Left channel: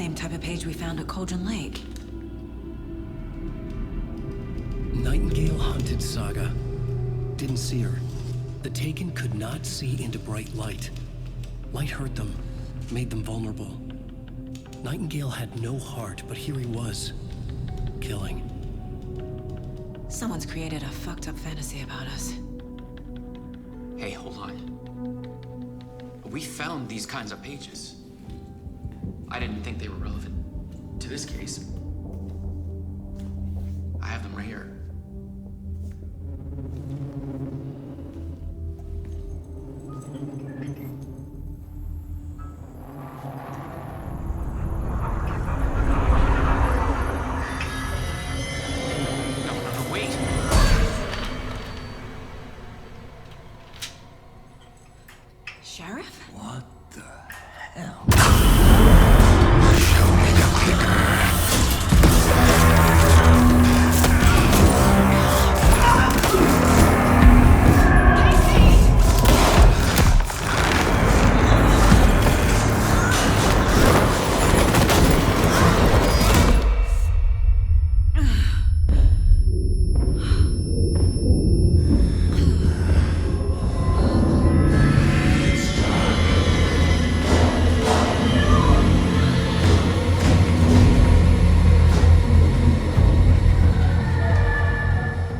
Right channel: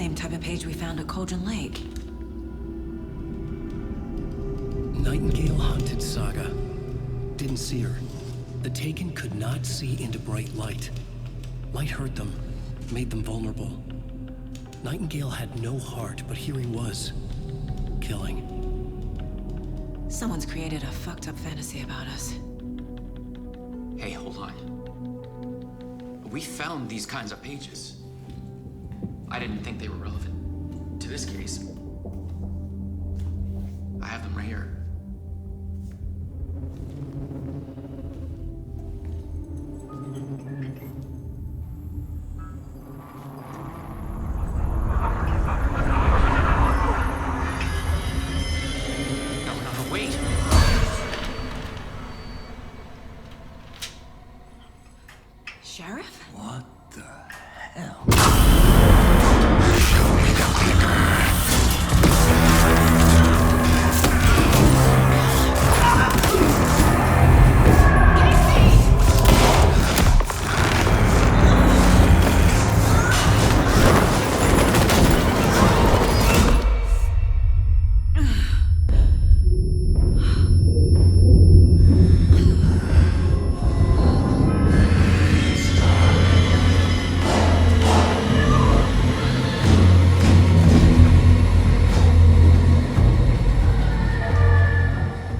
same type of page we found at Cauldron Lake. Nightingale hunted Saga. Didn't see her. The Taken could not see into bright light. Light hurt them, made them vulnerable. Nightingale had no heart, but here he was, killing. Someone's created a fucked up fantasy about us. Hey, hold on. We found these kinds of pages. I didn't think they were relevant to this case. I have them right here. No, wait. Sheriff? What the hell? Show me the clicker.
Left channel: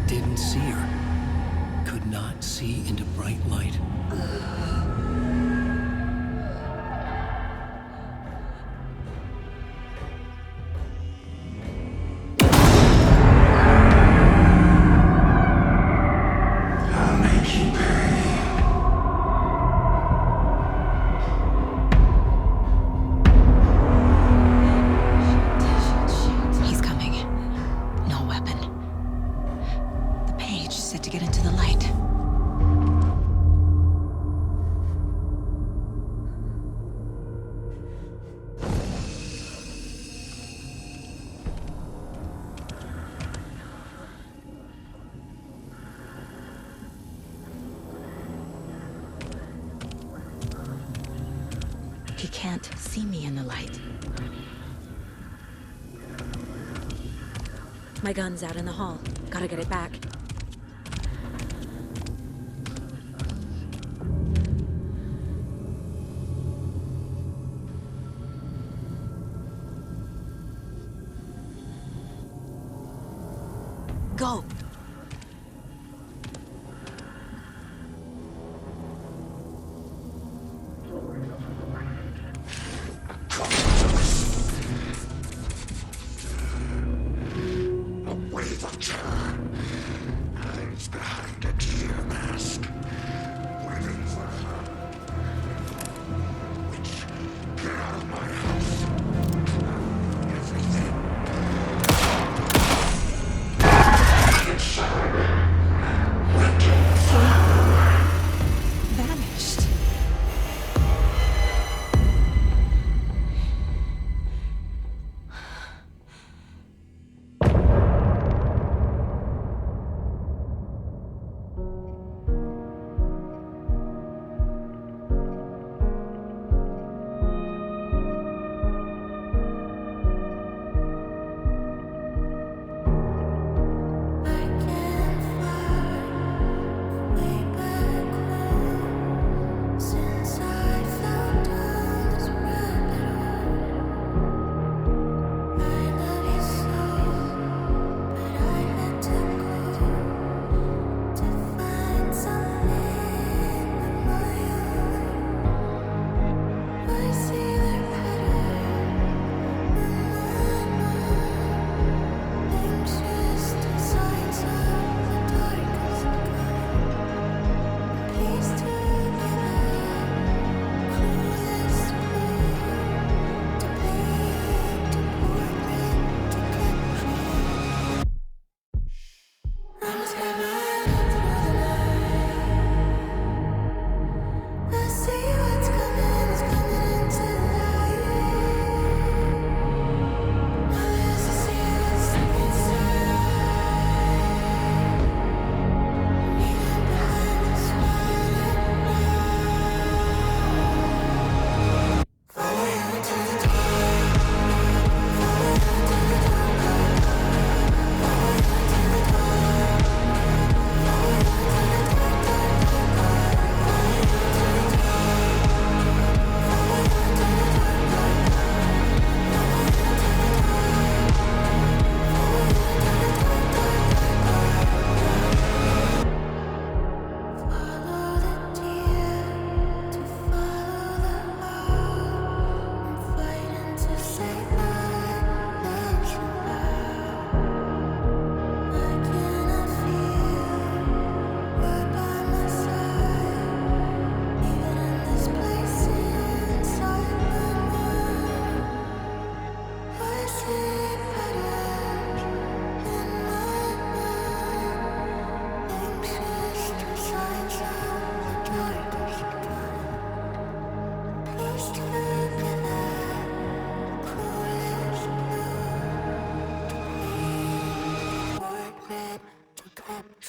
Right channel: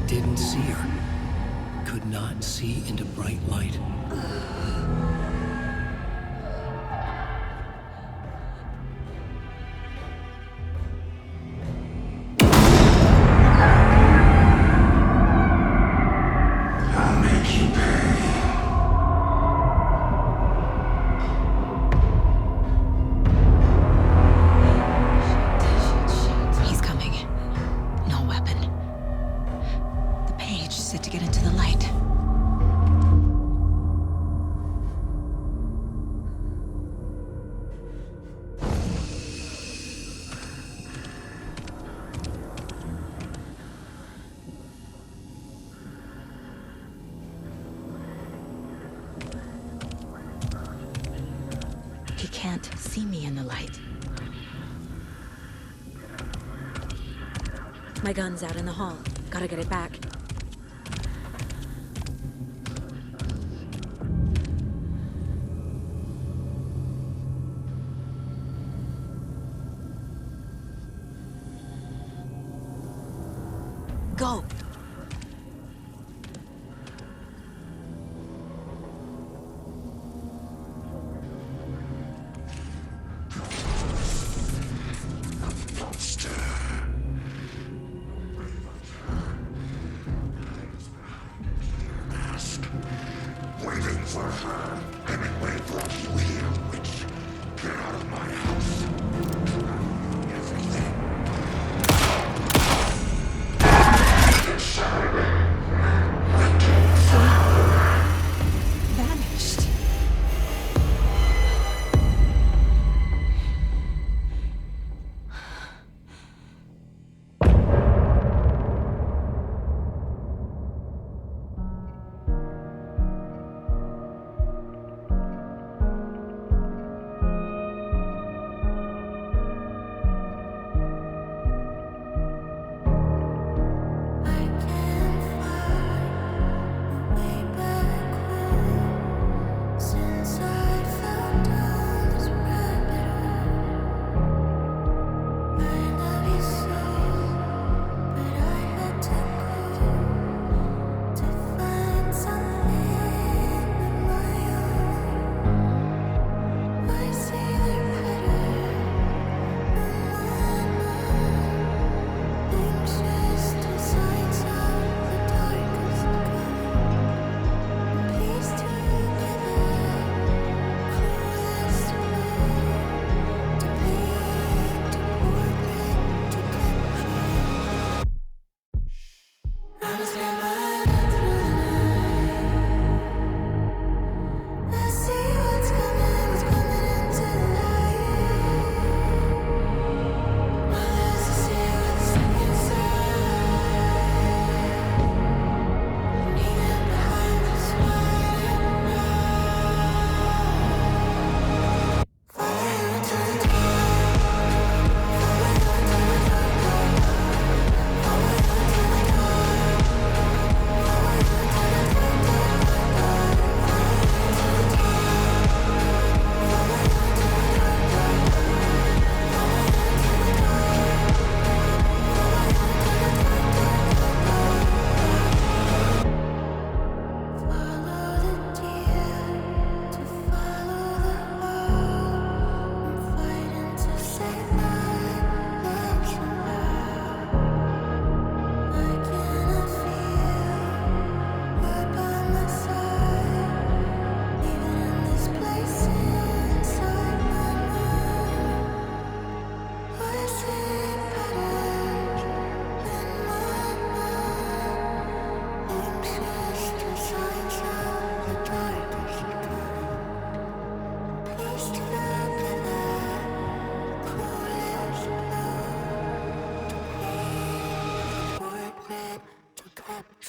Didn't see her. Could not see into bright light. I'll make you pay. He's coming. No weapon. The page set to get into the light. He can't see me in the light. My gun's out in the hall. Gotta get it back. Go! Away the her. Hides behind a deer mask. Waiting for her. Anyway, for real witch. Get out of my house. I know everything.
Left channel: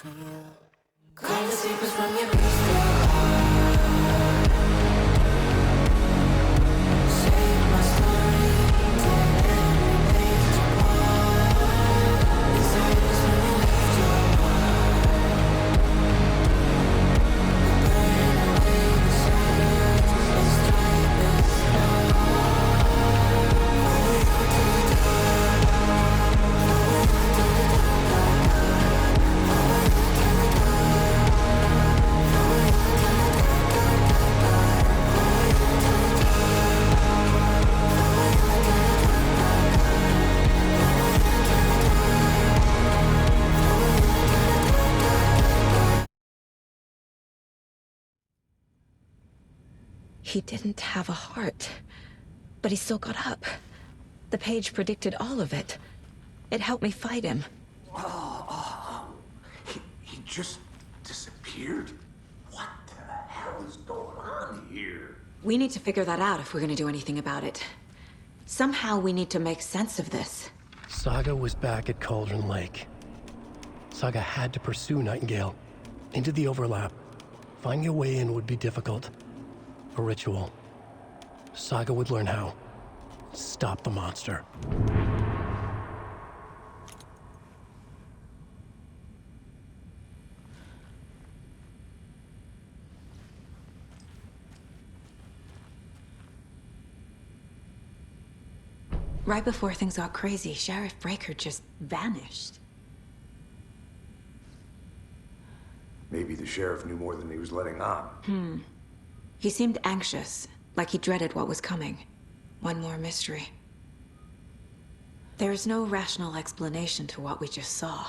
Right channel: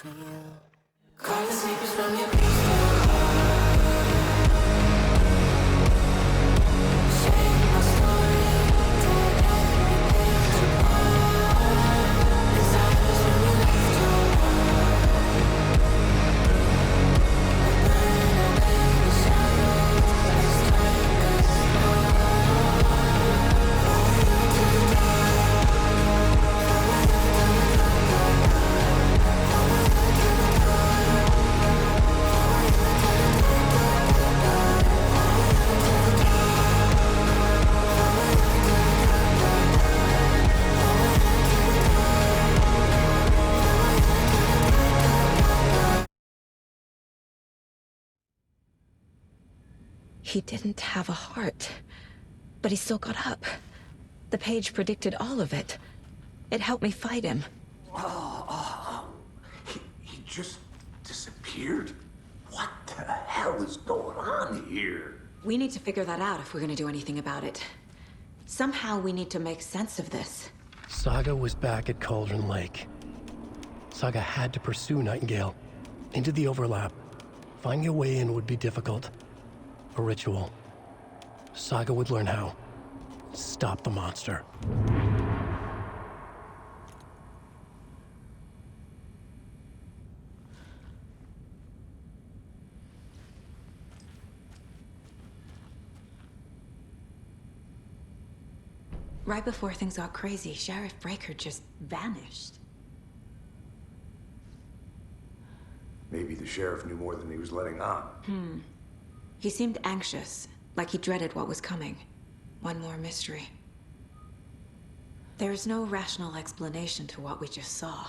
Call the sleepers from your crystal heart. Shape my story, tear every page apart. Inside us when you left your mark. We burn away the shadows and strike us apart. Follow you to the dark. Follow you to the dark, dark, dark. Follow you to the dark. Follow you to the dark, dark, dark, dark. Follow you to the dark. Follow you to the dark, dark, dark. Follow you to the dark. Follow you to the dark, dark, dark, dark. He didn't have a heart, but he still got up. The page predicted all of it. It helped me fight him. He just disappeared? What the hell is going on here? We need to figure that out if we're gonna do anything about it. Somehow we need to make sense of this. Saga was back at Cauldron Lake. Saga had to pursue Nightingale. Into the overlap. Finding a way in would be difficult. A ritual. Saga would learn how. Stop the monster. Right before things got crazy, Sheriff Breaker just vanished. Maybe the sheriff knew more than he was letting on. He seemed anxious, like he dreaded what was coming. One more mystery. There's no rational explanation to what we just saw.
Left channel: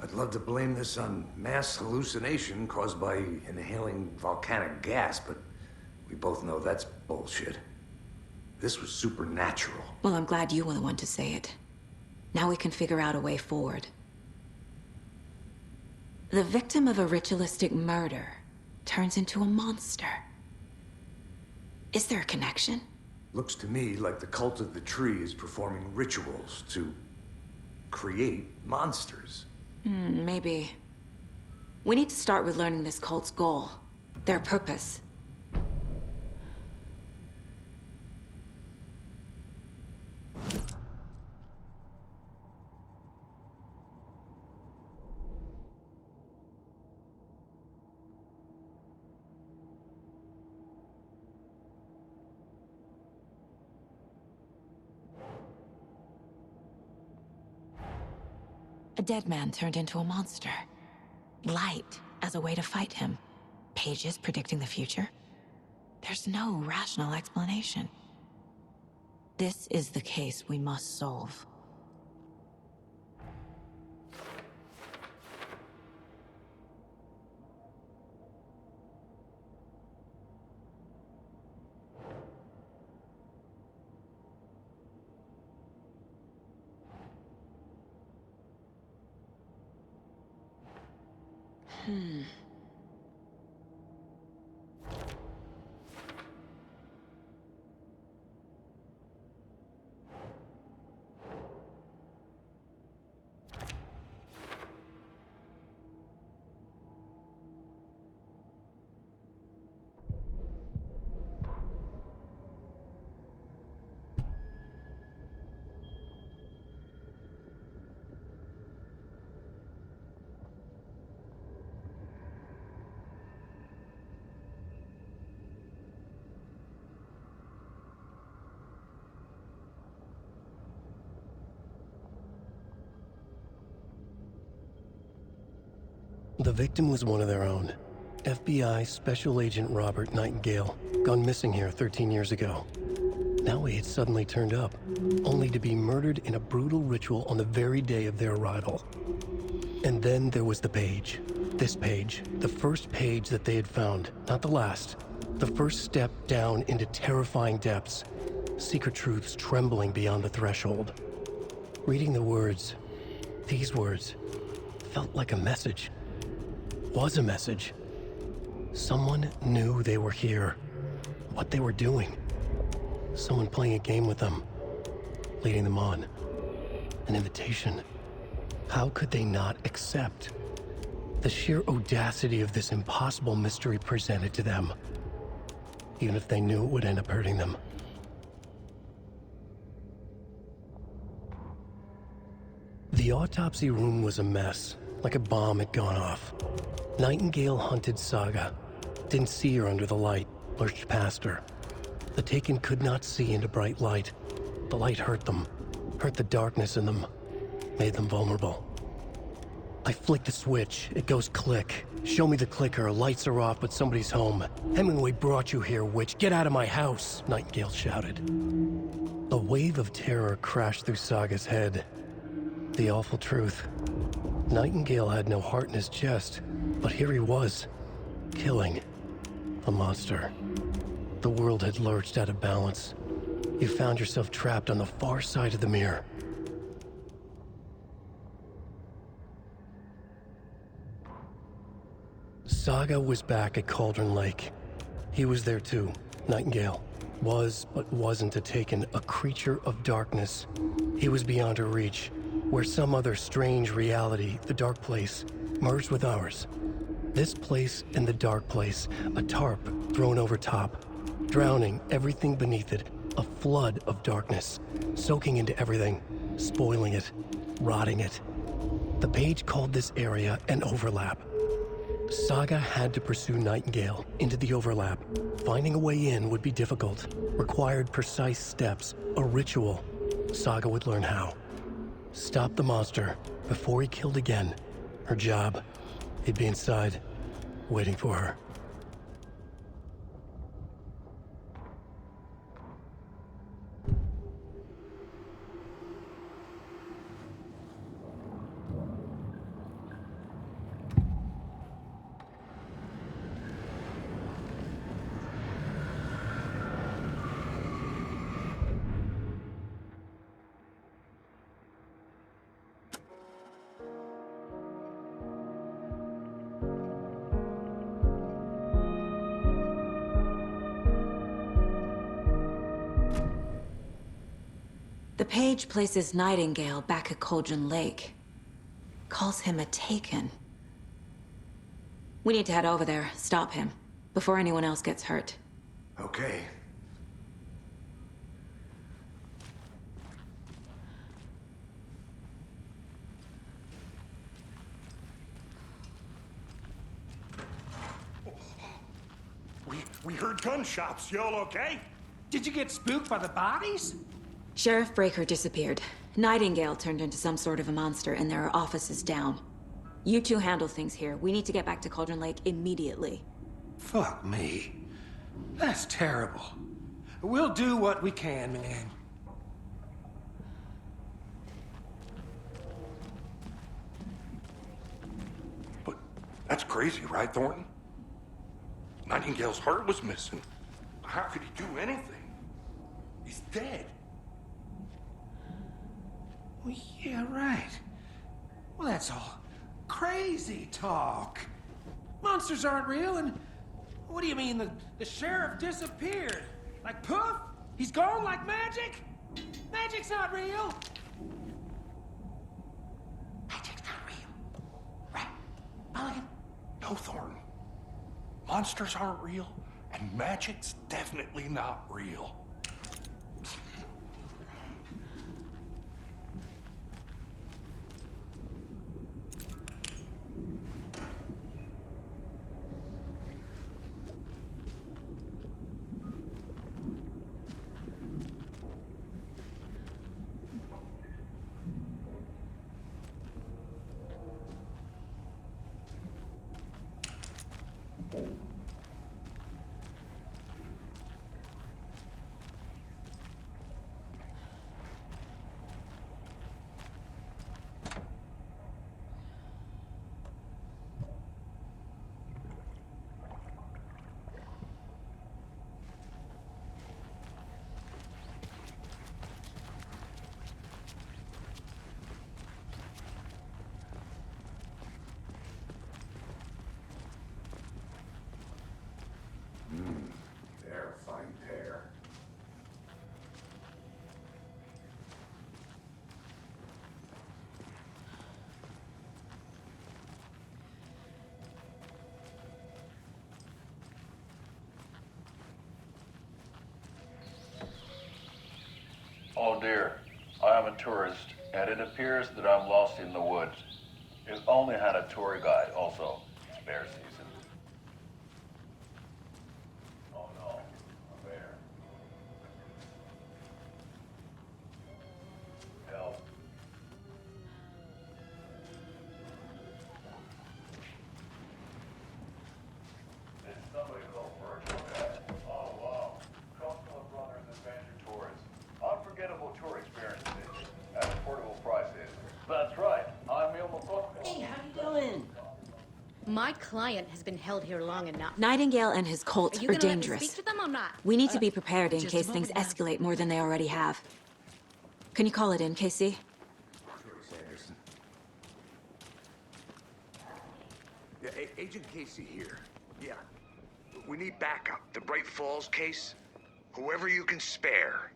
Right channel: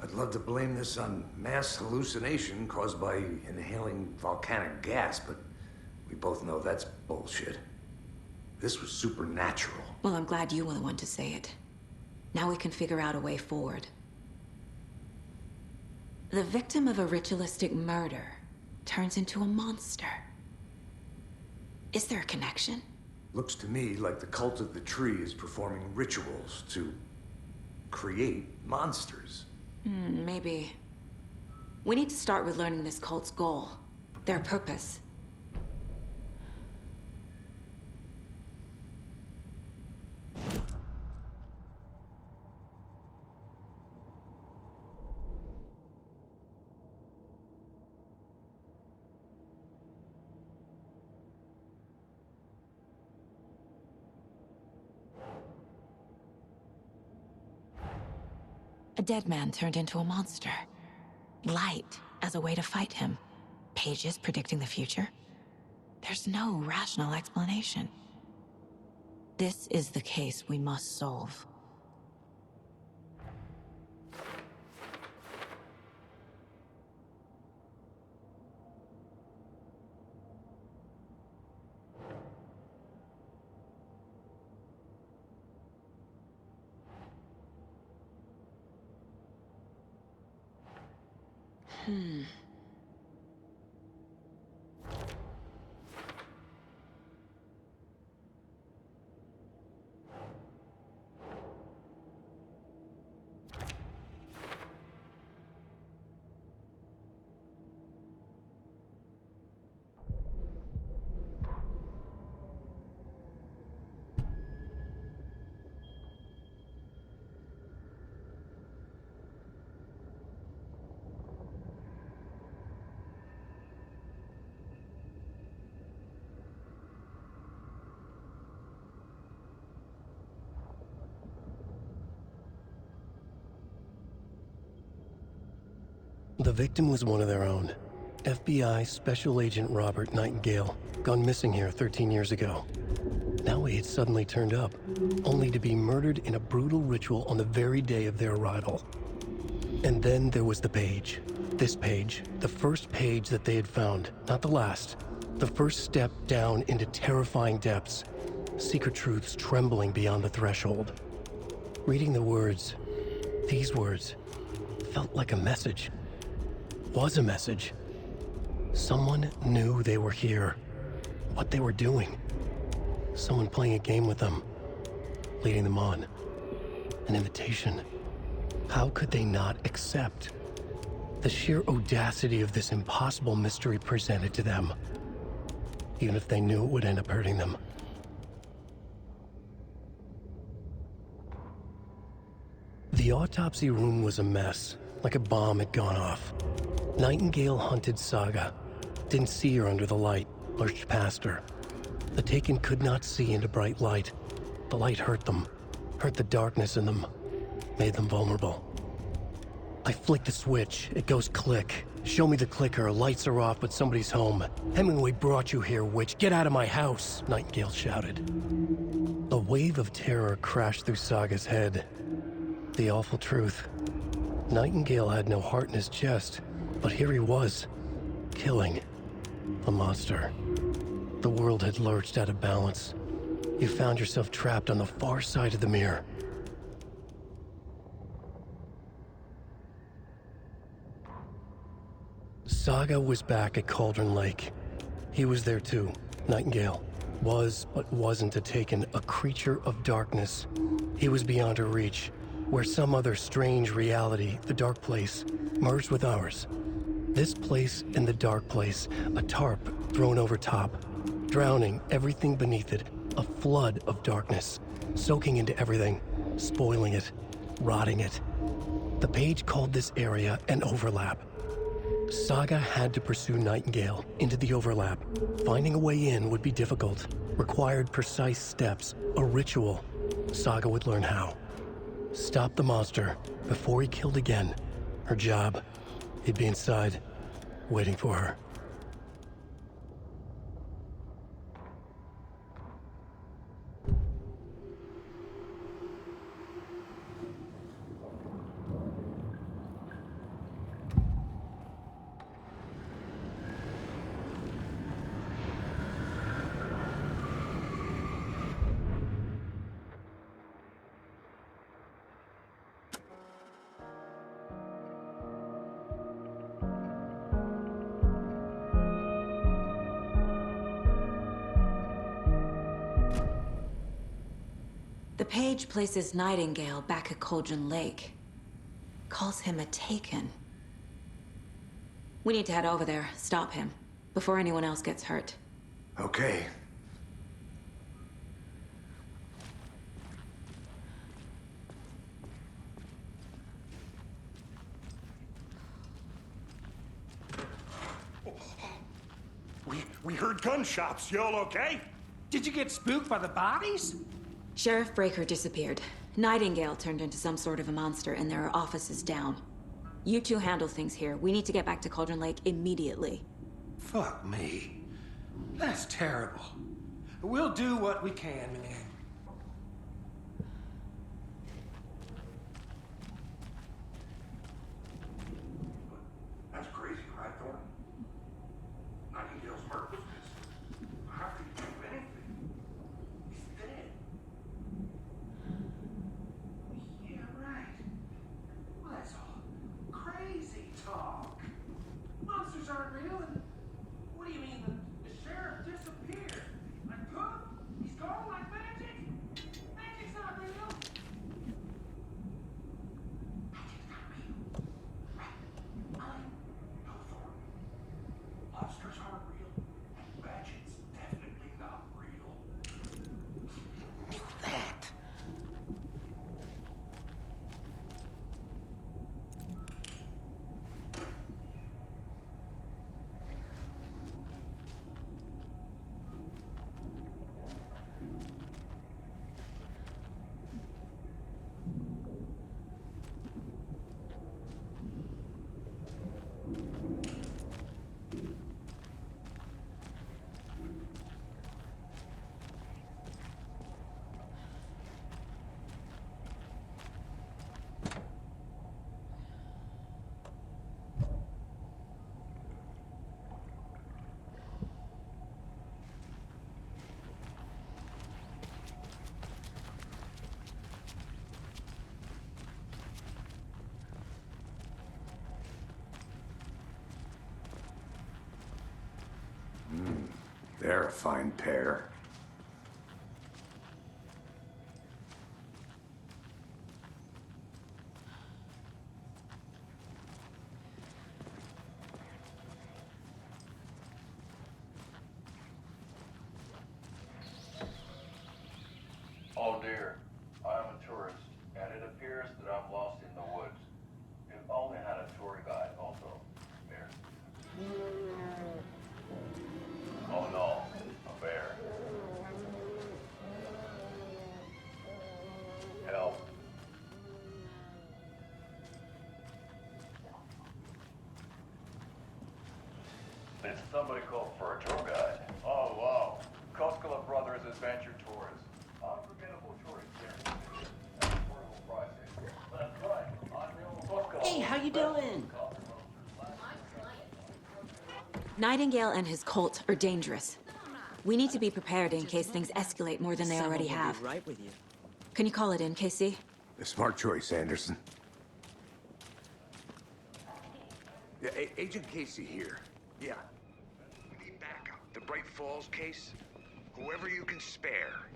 I'd love to blame this on mass hallucination caused by inhaling volcanic gas, but we both know that's bullshit. This was supernatural. Well, I'm glad you were the one to say it. Now we can figure out a way forward. The victim of a ritualistic murder turns into a monster. Is there a connection? Looks to me like the cult of the tree is performing rituals to create monsters. Maybe. We need to start with learning this cult's goal, their purpose. A dead man turned into a monster. Light as a way to fight him. Pages predicting the future. There's no rational explanation. This is the case we must solve. The victim was one of their own. FBI Special Agent Robert Nightingale, gone missing here 13 years ago. Now he had suddenly turned up, only to be murdered in a brutal ritual on the very day of their arrival. And then there was the page. This page, the first page that they had found, not the last. The first step down into terrifying depths. Secret truths trembling beyond the threshold. Reading the words, these words, felt like a message. Was a message. Someone knew they were here. What they were doing. Someone playing a game with them. Leading them on. An invitation. How could they not accept? The sheer audacity of this impossible mystery presented to them, even if they knew it would end up hurting them. The autopsy room was a mess, like a bomb had gone off. Nightingale hunted Saga. Didn't see her under the light, lurched past her. The Taken could not see into bright light. The light hurt them, hurt the darkness in them, made them vulnerable. I flick the switch, it goes click. Show me the clicker, lights are off, but somebody's home. Hemingway brought you here, witch. Get out of my house, Nightingale shouted. A wave of terror crashed through Saga's head. The awful truth. Nightingale had no heart in his chest, but here he was, killing a monster. The world had lurched out of balance. You found yourself trapped on the far side of the mirror. Saga was back at Cauldron Lake. He was there too, Nightingale. Was, but wasn't a Taken, a creature of darkness. He was beyond her reach, where some other strange reality, the dark place, merged with ours. This place and the dark place, a tarp thrown over top, drowning everything beneath it, a flood of darkness, soaking into everything, spoiling it, rotting it. The page called this area an overlap. Saga had to pursue Nightingale into the overlap. Finding a way in would be difficult, required precise steps, a ritual. Saga would learn how. Stop the monster before he killed again. Her job. He'd be inside, waiting for her. The page places Nightingale back at Cauldron Lake. Calls him a Taken. We need to head over there, stop him, before anyone else gets hurt. Okay. We heard gunshots. Y'all okay? Did you get spooked by the bodies? Sheriff Breaker disappeared. Nightingale turned into some sort of a monster, and there are offices down. You two handle things here. We need to get back to Cauldron Lake immediately. Fuck me. That's terrible. We'll do what we can, man. But that's crazy, right, Thornton? Nightingale's heart was missing. How could he do anything? He's dead. Well, yeah, right. Well, that's all crazy talk. Monsters aren't real, and what do you mean the sheriff disappeared? Like poof? He's gone like magic? Magic's not real. Magic's not real. Right, Mulligan? No, Thornton. Monsters aren't real, and magic's definitely not real. That. They're a fine pair. appears that I'm lost in the woods. It only had a tour guide, also. Bear season. Oh no, a bear. Help. Did somebody call for a tour guide? Oh wow. Koskela Brothers Adventure Tours. Unforgettable tour experiences at affordable prices. That's right. I'm Ilmo Koskela. Hey, how you doing? My client has been held here long enough. Nightingale and his cult You are gonna let me dangerous. speak to them or not? We need to be prepared in Just case a things moment, ma'am. escalate more than they already have. Right with you. Can you call it in, Casey? A smart choice, Anderson. Yeah, Agent Casey here. Yeah. We need backup. The Bright Falls case. Whoever you can spare.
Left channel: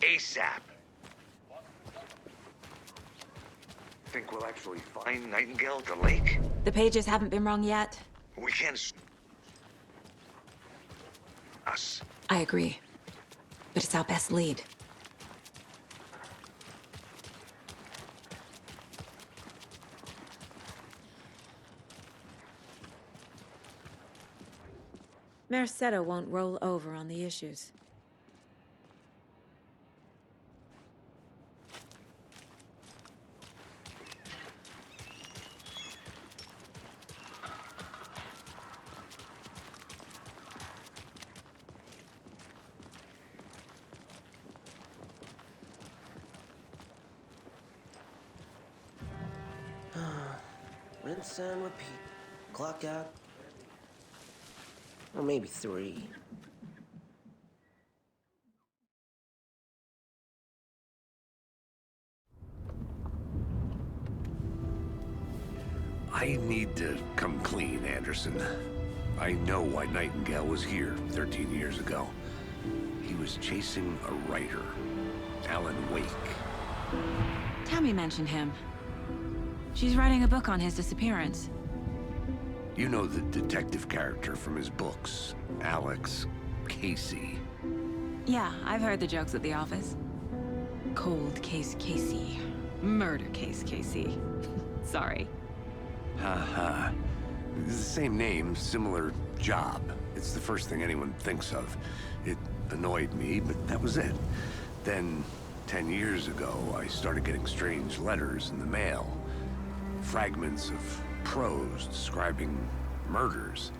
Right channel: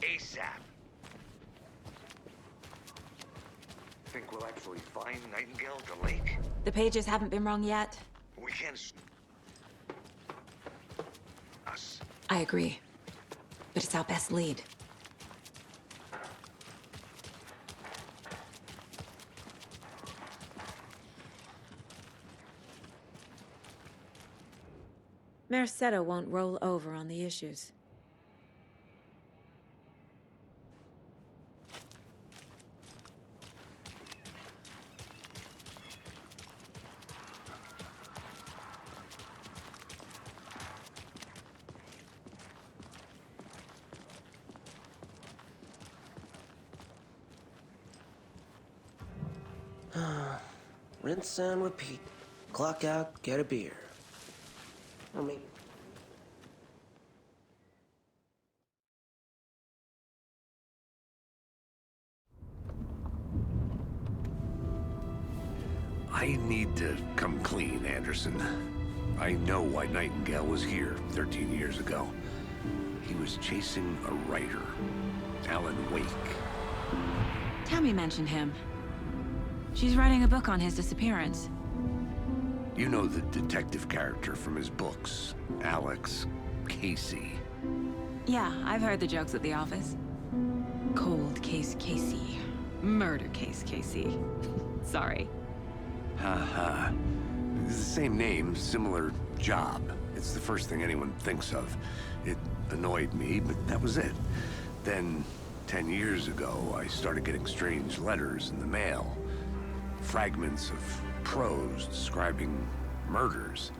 ASAP. Think we'll actually find Nightingale at the lake? The pages haven't been wrong yet. We can't... Us. I agree. But it's our best lead. Merced won't roll over on the issues. Rinse and repeat. Clock out, get a beer. Or maybe 3. I need to come clean, Anderson. I know why Nightingale was here 13 years ago. He was chasing a writer, Alan Wake. Tammy mentioned him. She's writing a book on his disappearance. You know the detective character from his books, Alex Casey. Yeah, I've heard the jokes at the office. Cold case Casey. Murder case Casey. Sorry. Haha. It's the same name, similar job. It's the first thing anyone thinks of. It annoyed me, but that was it. Then, 10 years ago, I started getting strange letters in the mail. Fragments of prose describing murders.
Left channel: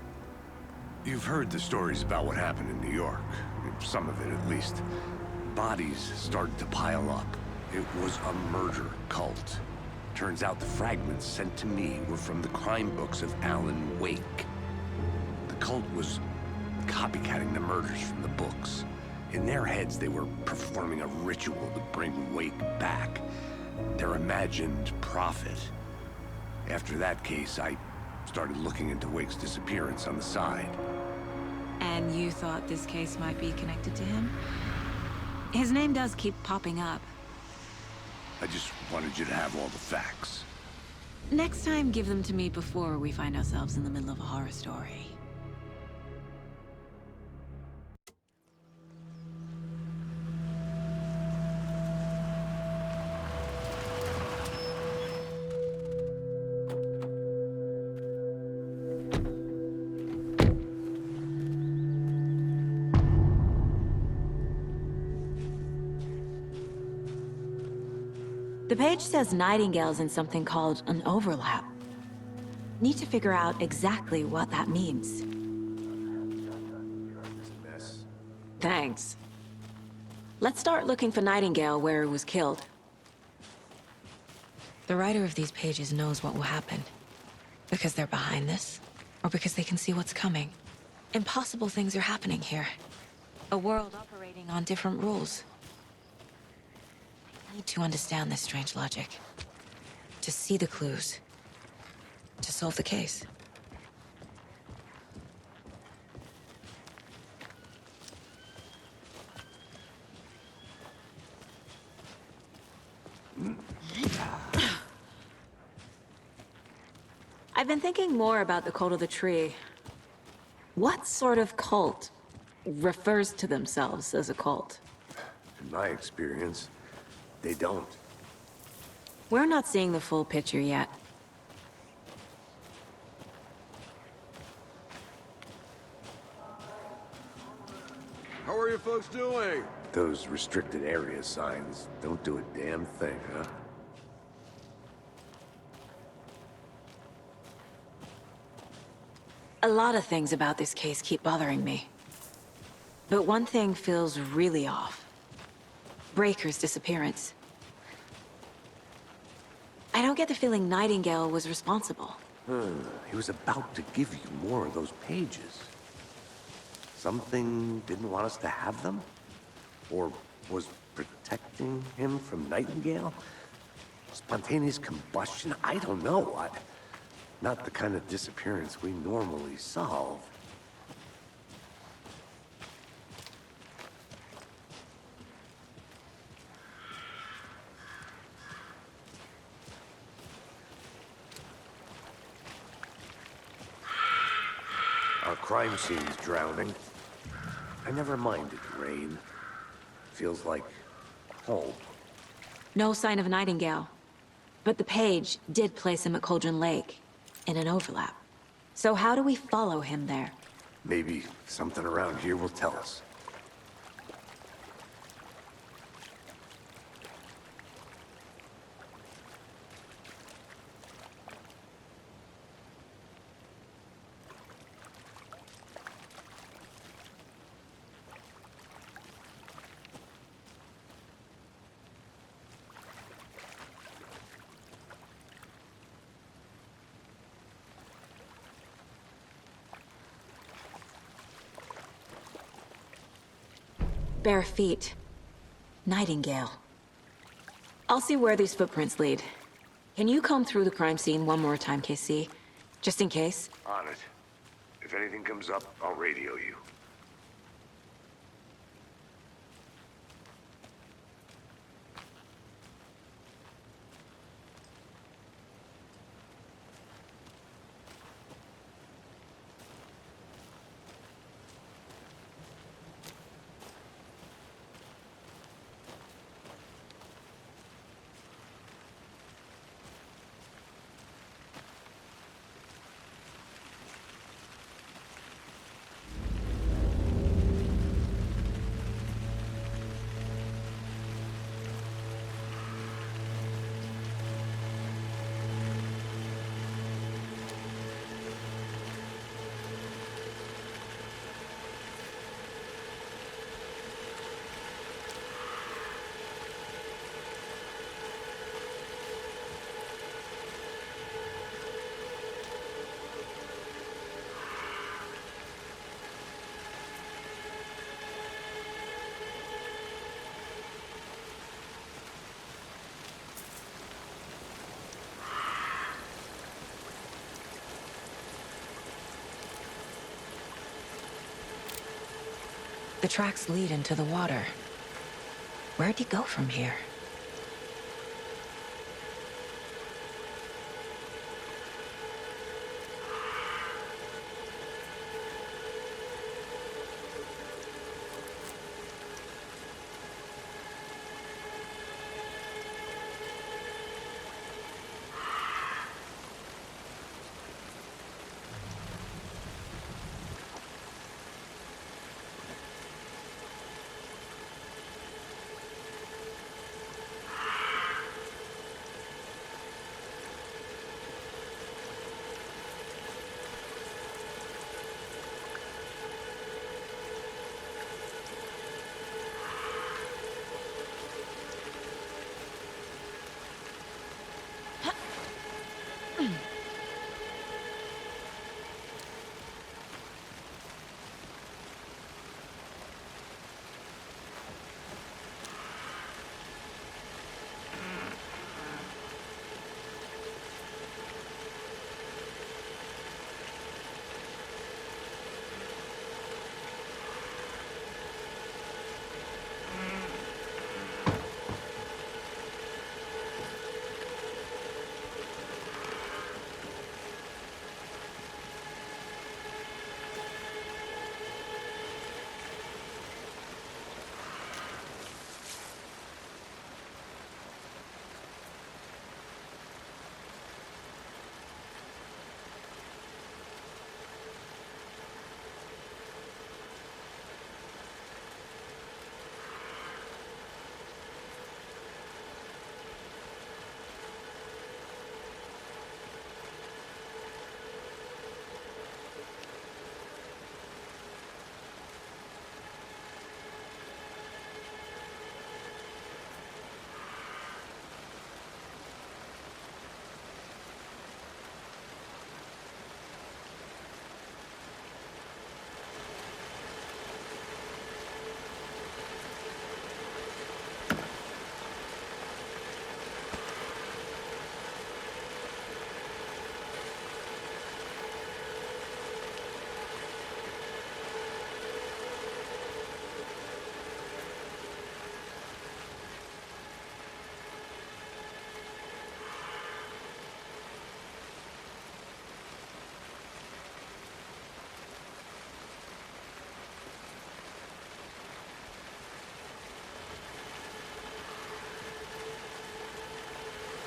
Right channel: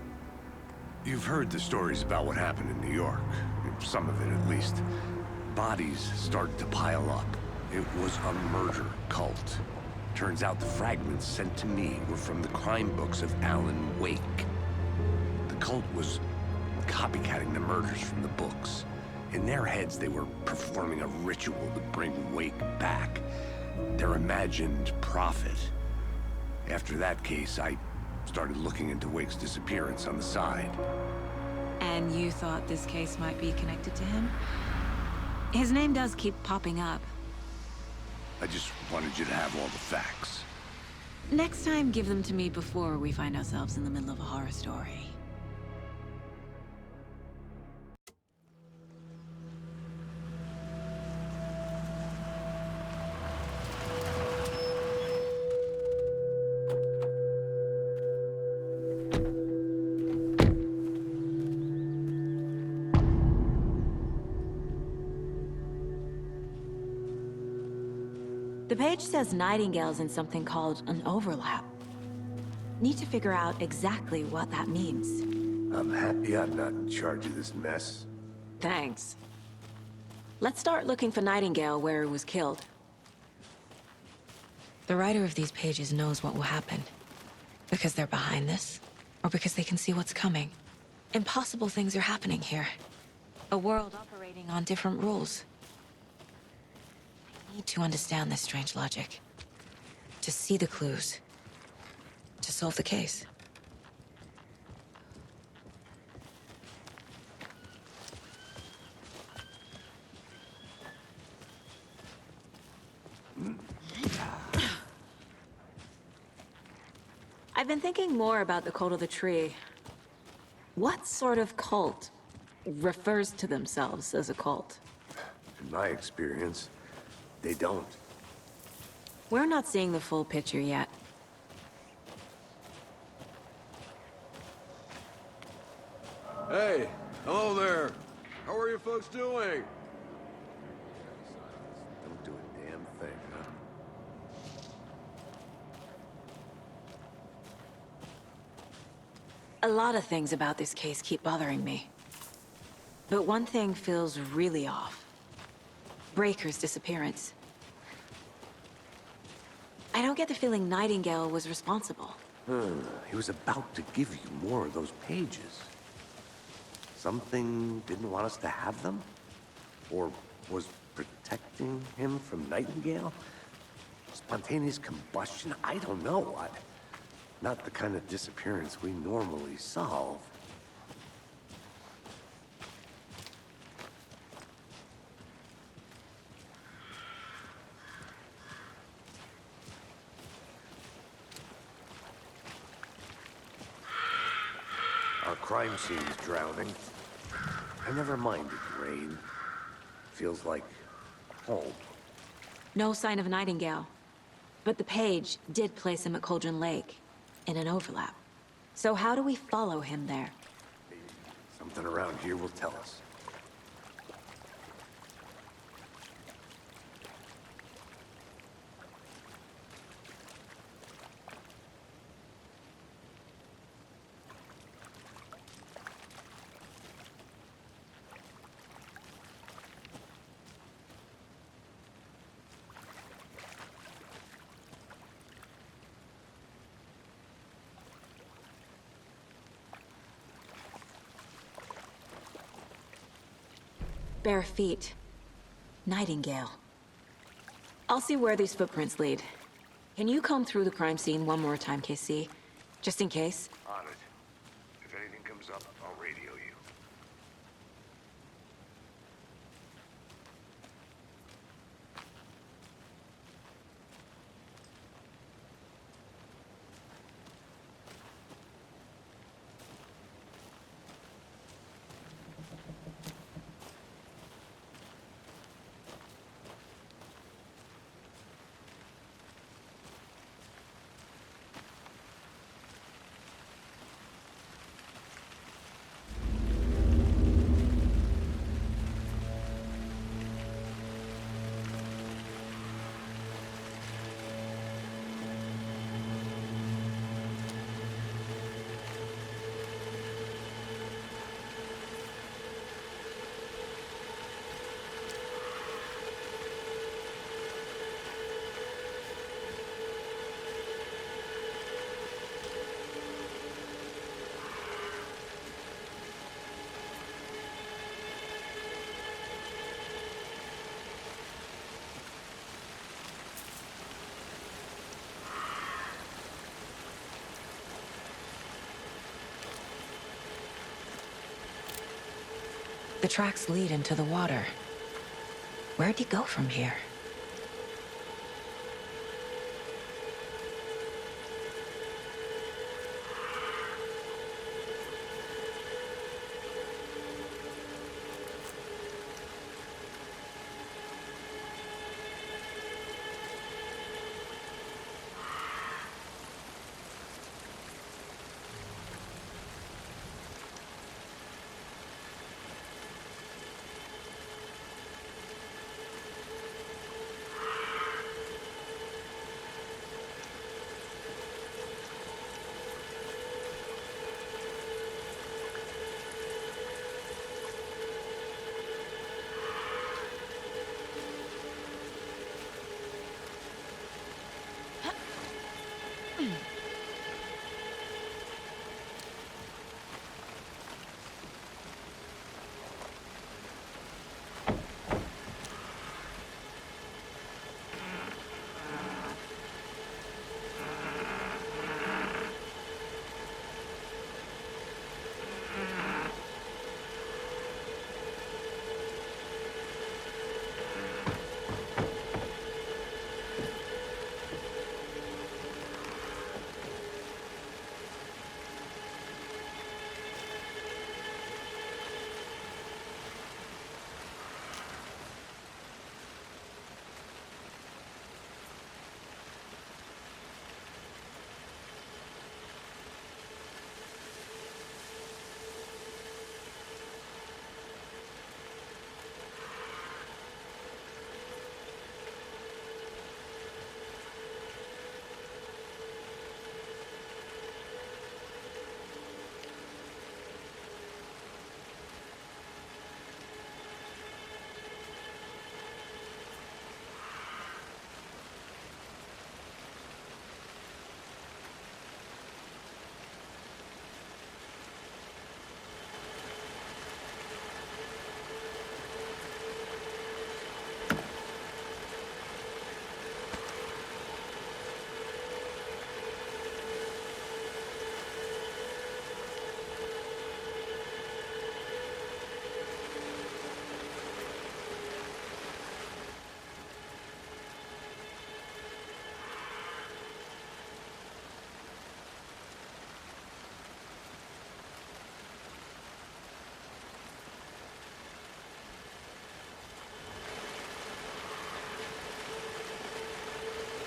You've heard the stories about what happened in New York. Some of it, at least. Bodies started to pile up. It was a murder cult. Turns out the fragments sent to me were from the crime books of Alan Wake. The cult was copycatting the murders from the books. In their heads, they were performing a ritual to bring Wake back. Their imagined prophet. After that case, I started looking into Wake's disappearance on the side. And you thought this case might be connected to him? His name does keep popping up. I just wanted you to have all the facts. Next time, give them to me before we find ourselves in the middle of a horror story. The page says Nightingale's in something called an overlap. Need to figure out exactly what that means. I'm happy I'm not in charge of this mess. Thanks. Let's start looking for Nightingale where he was killed. The writer of these pages knows what will happen. Because they're behind this, or because they can see what's coming. Impossible things are happening here. A world operating on different rules. I need to understand this strange logic. To see the clues. To solve the case. I've been thinking more about the cult of the tree. What sort of cult refers to themselves as a cult? In my experience, they don't. We're not seeing the full picture yet. Hey, hello there. How are you folks doing? Those restricted area signs don't do a damn thing, huh? A lot of things about this case keep bothering me. But one thing feels really off. Breaker's disappearance. I don't get the feeling Nightingale was responsible. He was about to give you more of those pages. Something didn't want us to have them? Or was protecting him from Nightingale? Spontaneous combustion? I don't know. Not the kind of disappearance we normally solve. Our crime scene's drowning. I never minded rain. Feels like home. No sign of Nightingale. But the page did place him at Cauldron Lake, in an overlap. So how do we follow him there? Maybe something around here will tell us. Bare feet. Nightingale. I'll see where these footprints lead. Can you comb through the crime scene one more time, KC? Just in case? On it. If anything comes up, I'll radio you. The tracks lead into the water. Where'd he go from here?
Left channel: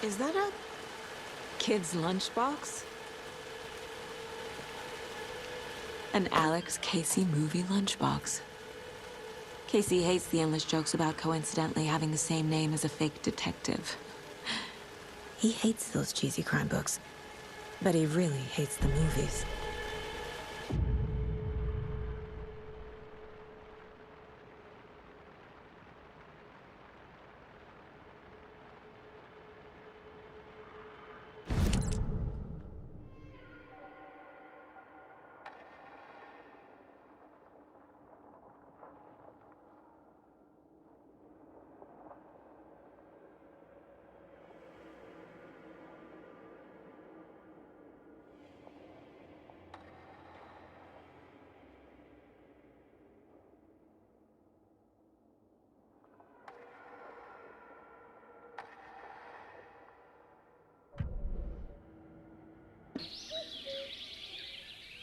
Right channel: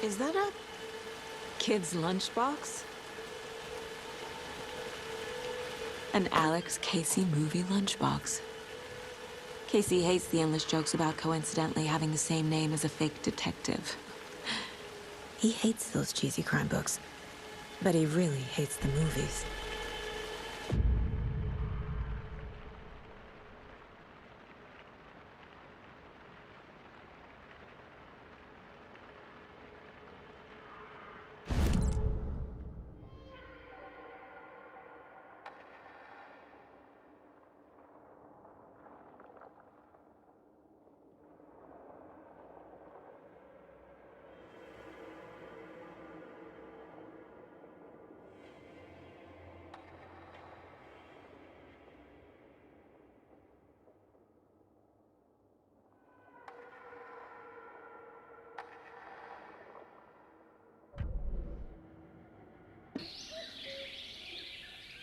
Is that a kid's lunchbox? An Alex Casey movie lunchbox. Casey hates the endless jokes about coincidentally having the same name as a fake detective. He hates those cheesy crime books, but he really hates the movies.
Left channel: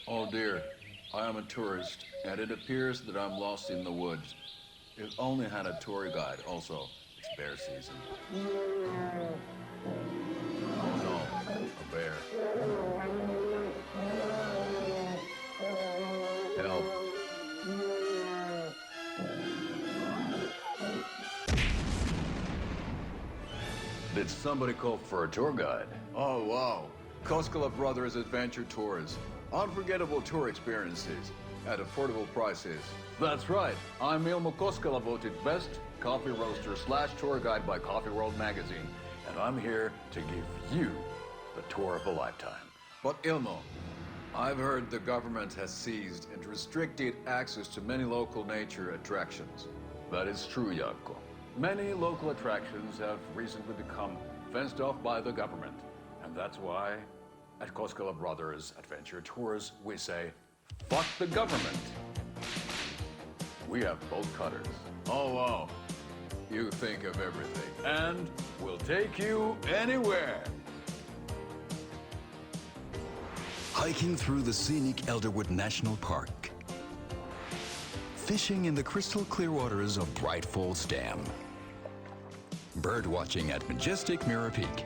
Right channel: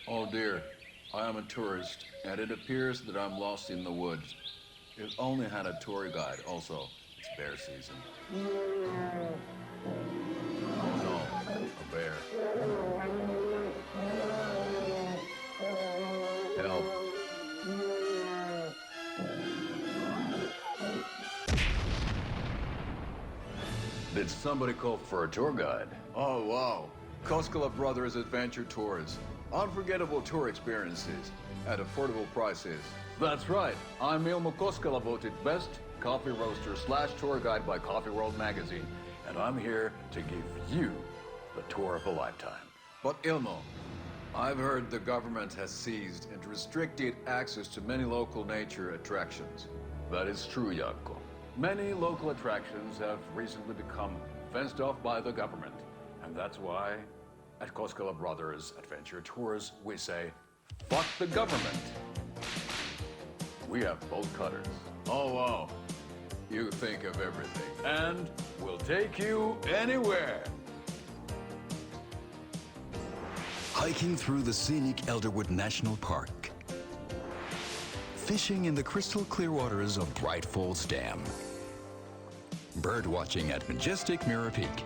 Oh dear, I am a tourist, and it appears that I'm lost in the woods. It only had a tour guide, also. It's bear season. Oh no, a bear. Help. Did somebody call for a tour guide? Oh wow, Koskela Brothers Adventure Tours. Unforgettable tour experiences at affordable prices. That's right. I'm Ilmo Koskela, voted best coffee roaster / tour guide by Coffee World magazine, and I'm here to give you the tour of a lifetime. But Ilmo, I've heard the government has seized and restricted access to many local nature attractions. That is true, Jaakko. Many local attractions have recently become fenced off by the government, and that's why at Koskela Brothers Adventure Tours, we say, fuck the government. We have bolt cutters. Oh, wow. You think of everything. And we'll take you anywhere. Hiking through the scenic Elderwood National Park. Fishing in the crystal clear waters of Bright Falls Dam. Bird watching at majestic Mirror Peak.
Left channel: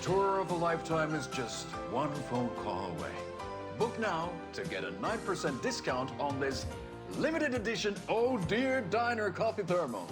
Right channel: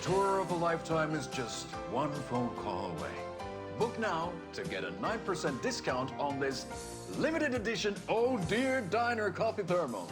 Tour of a lifetime is just one phone call away. Book now to get a 9% discount on this limited edition Oh Dear Diner coffee thermos.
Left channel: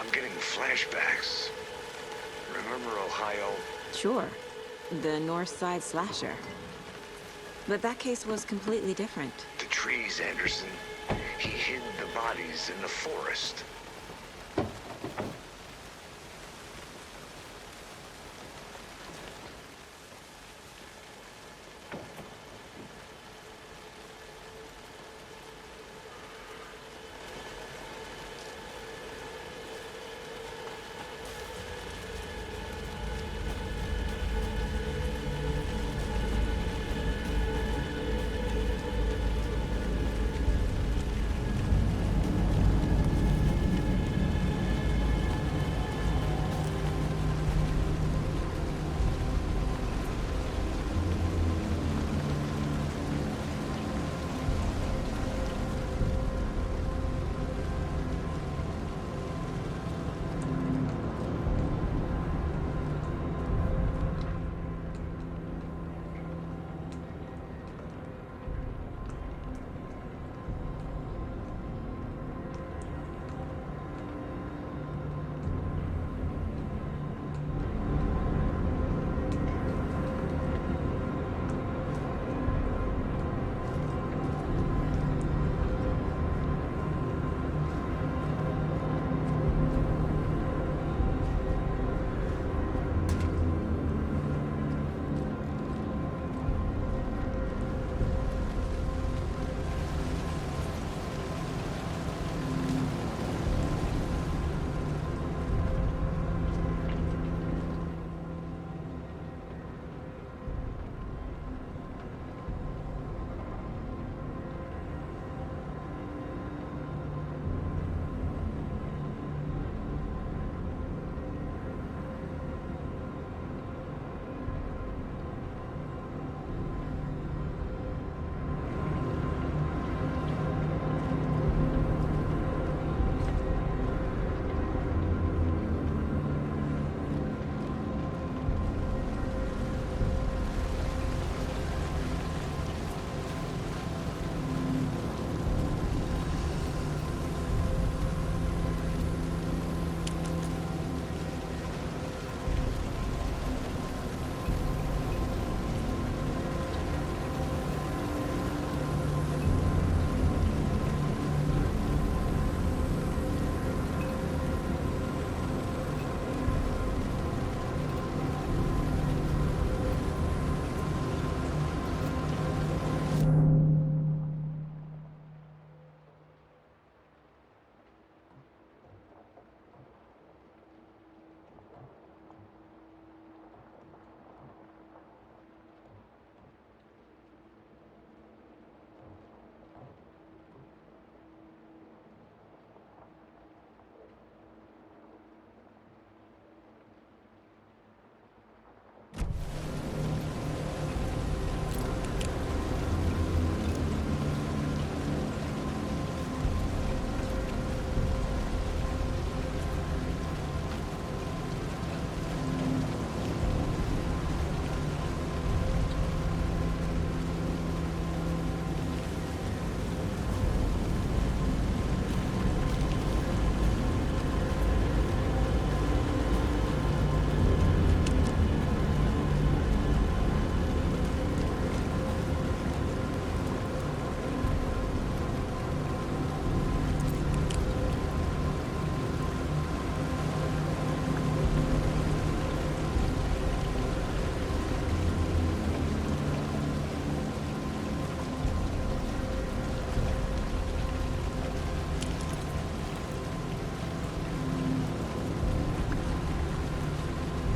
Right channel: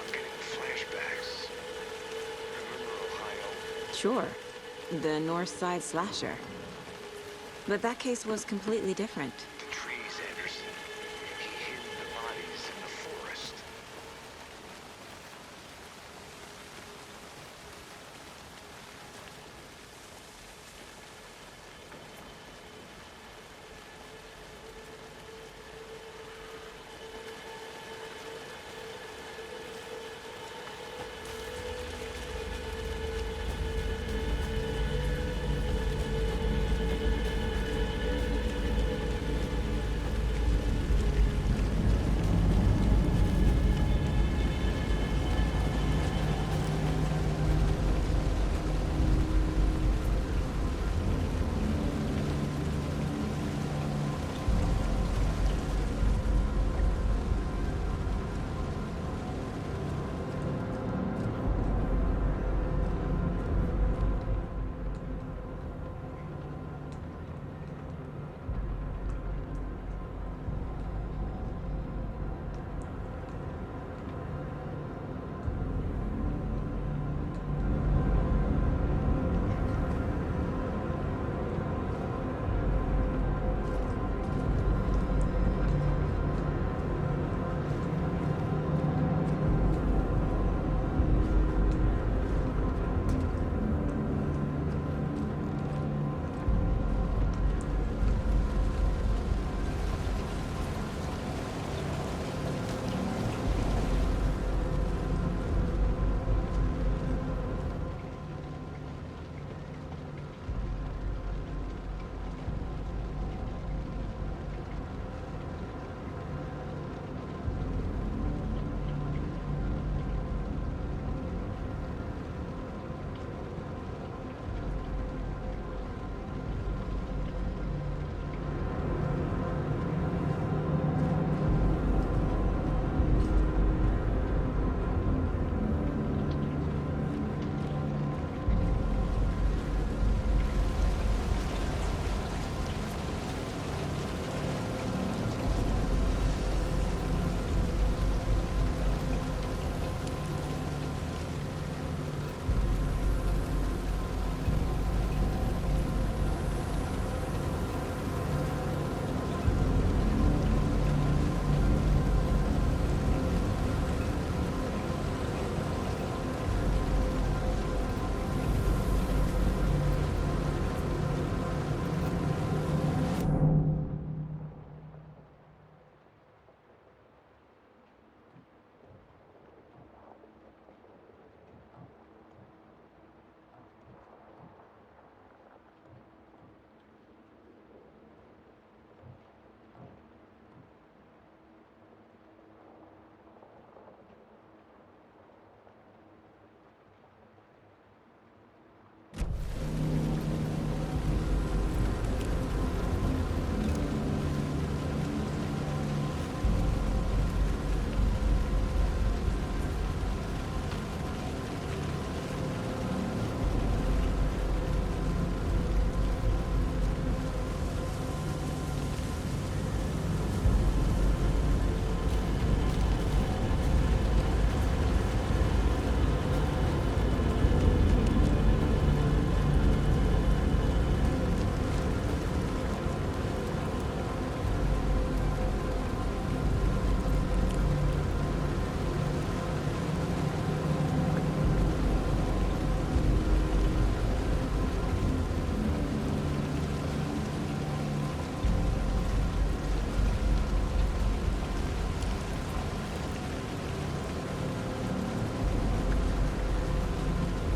I'm getting flashbacks. Remember Ohio? Sure. The North Side slasher. But that case was completely different. The trees, Anderson. He hid the bodies in the forest.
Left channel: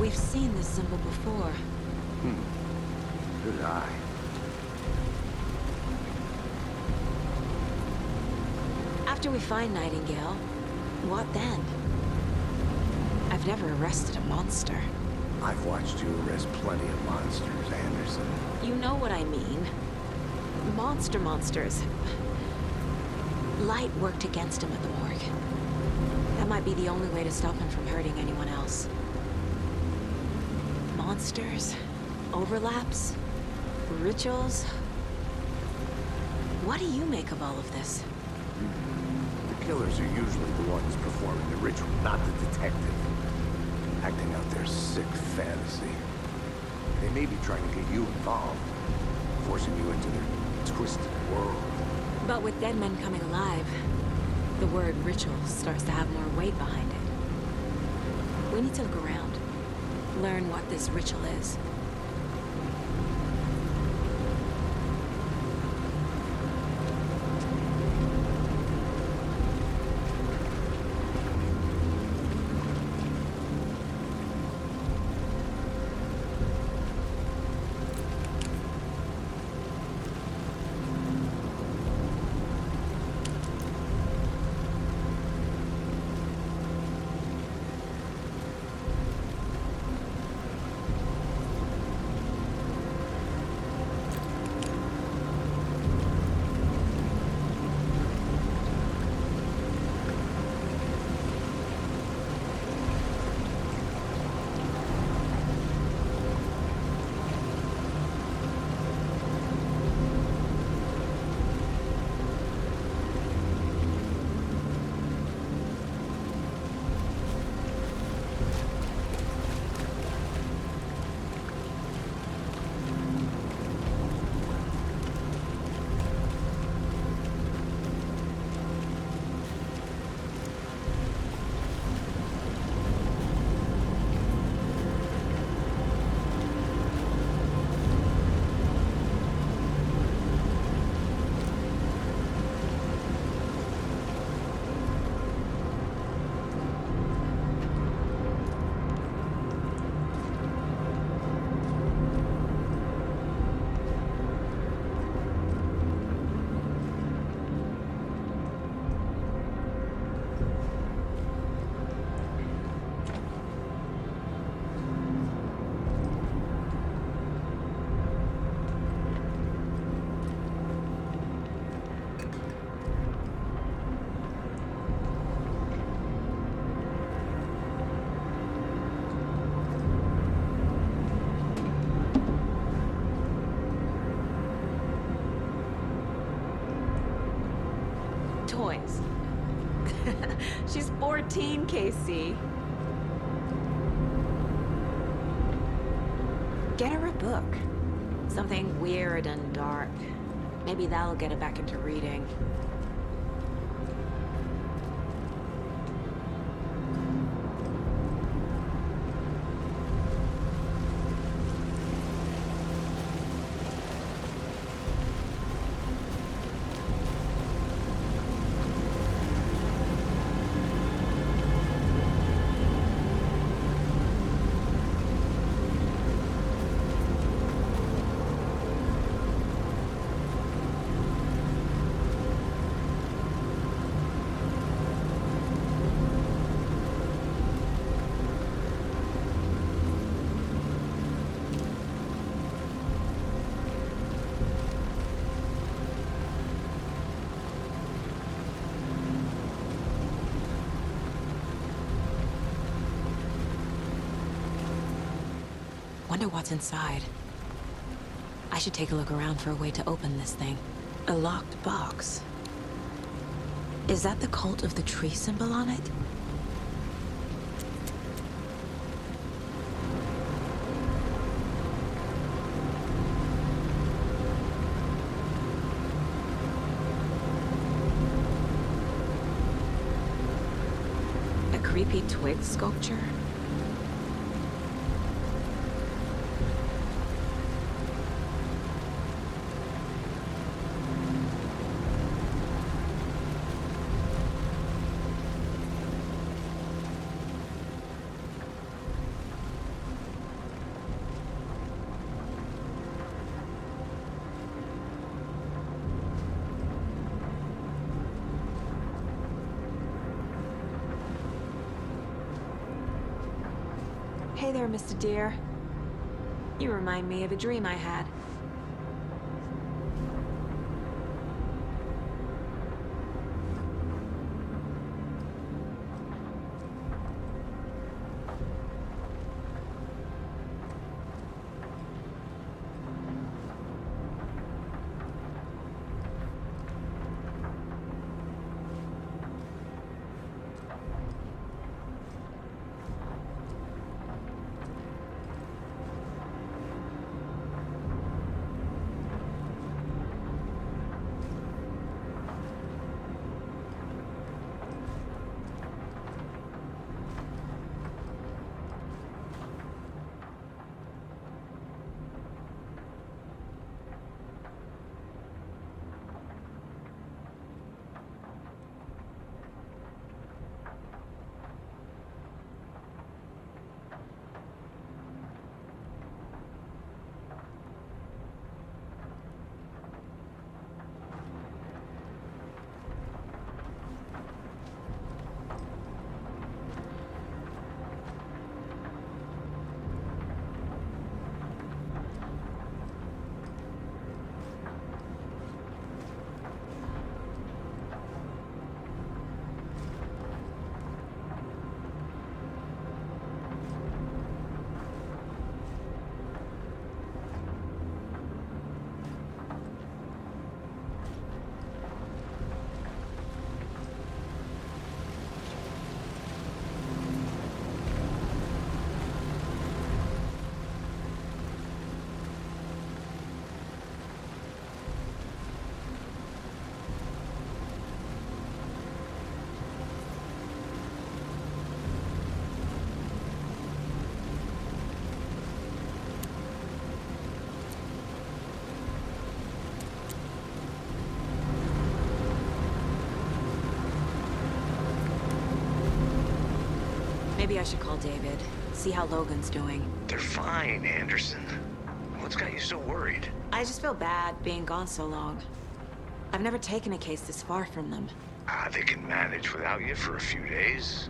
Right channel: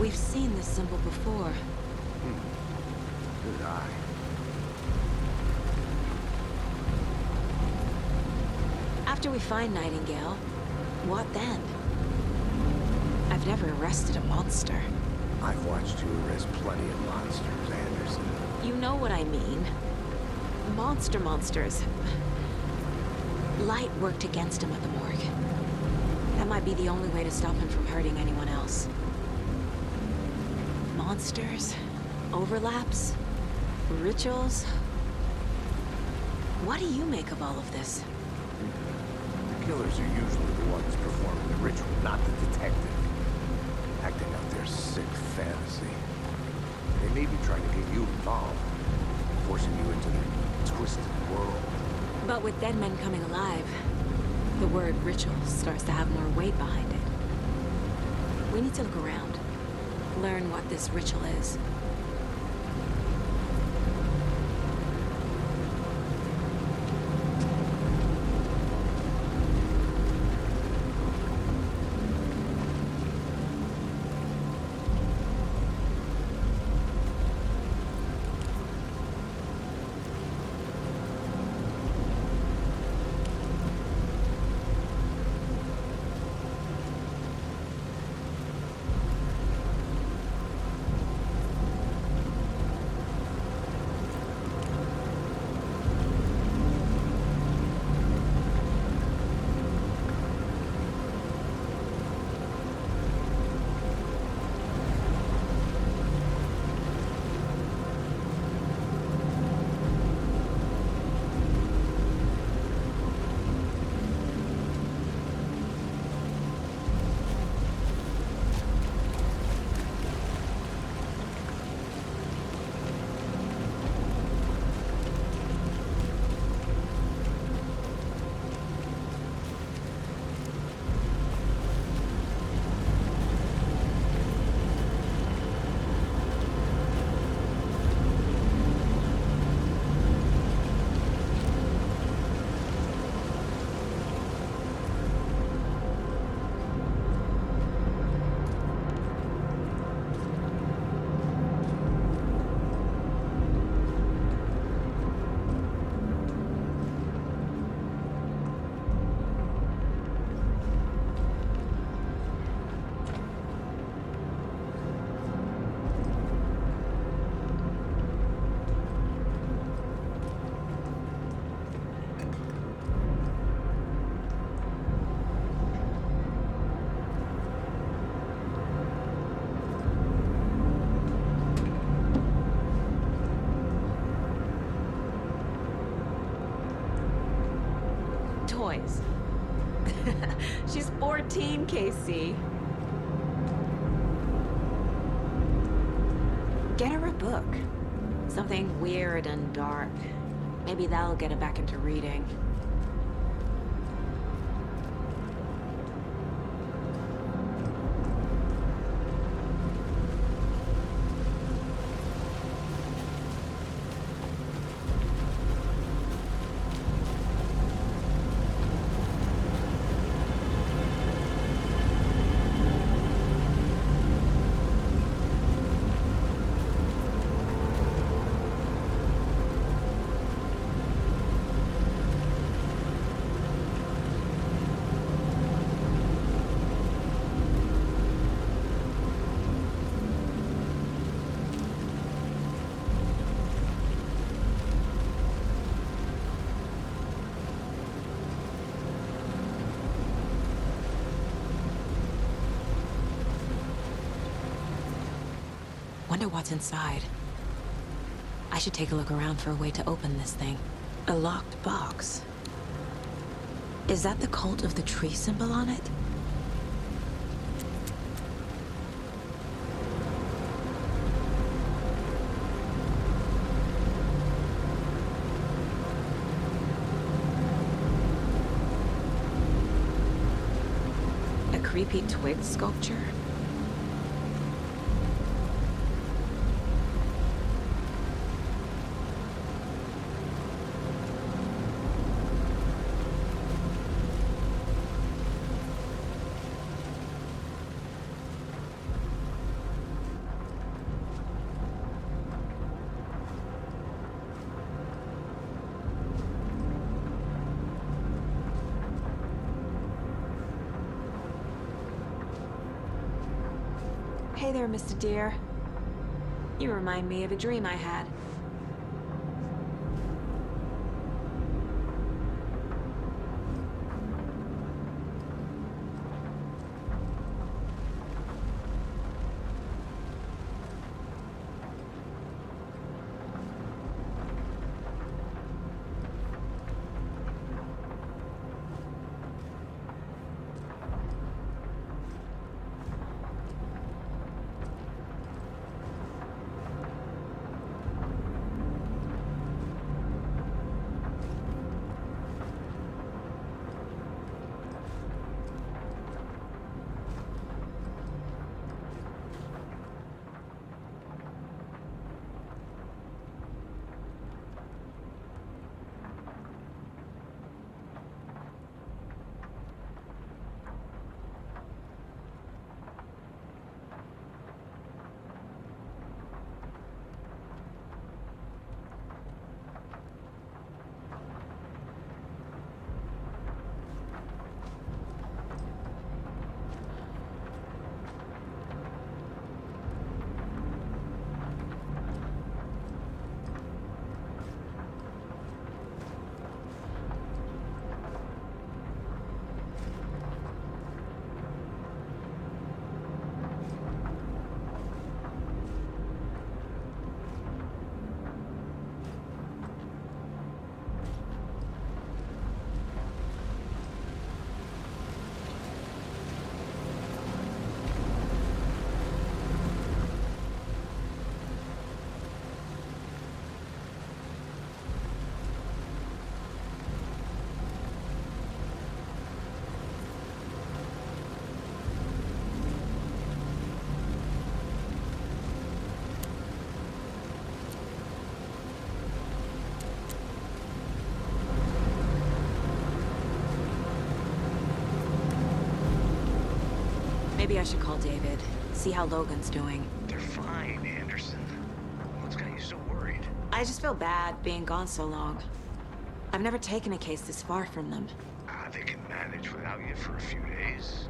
We've seen this symbol before. Good eye. After we find Nightingale, what then? I've never arrested a monster. I've watched you arrest plenty of monsters, Anderson. You know what I mean. Monsters. Light worked against him at the morgue. That might be the only way to stop him from hurting anyone else. Monsters, overlaps, rituals. What do you make of all of this? The killers are usually the ones performing the ritual, not the detective. Acting out their sick fantasy. They may be trying to get you involved, forcing you into their twisted world. But with dead men coming alive, the word ritual starts to have more weight behind it. We need to look around, learn what this ritual is. Toys. She's 14, Casey. Get her a book. Something weird and dark. Maybe that'll get her back into reading. Wonder what's inside. I should take a look around for a way to open this thing. A locked box. Is that the cult of the tree symbol on it? A creepy twig sculpture? Hey there, Mr. Deer. You remind me of a dream I had. Maybe I should call David, see how Logan's doing. They're fine, Anderson. What's got you so worried? I just feel bad being gone so long. I've never taken a case this far from them. They can manage without you for a few days.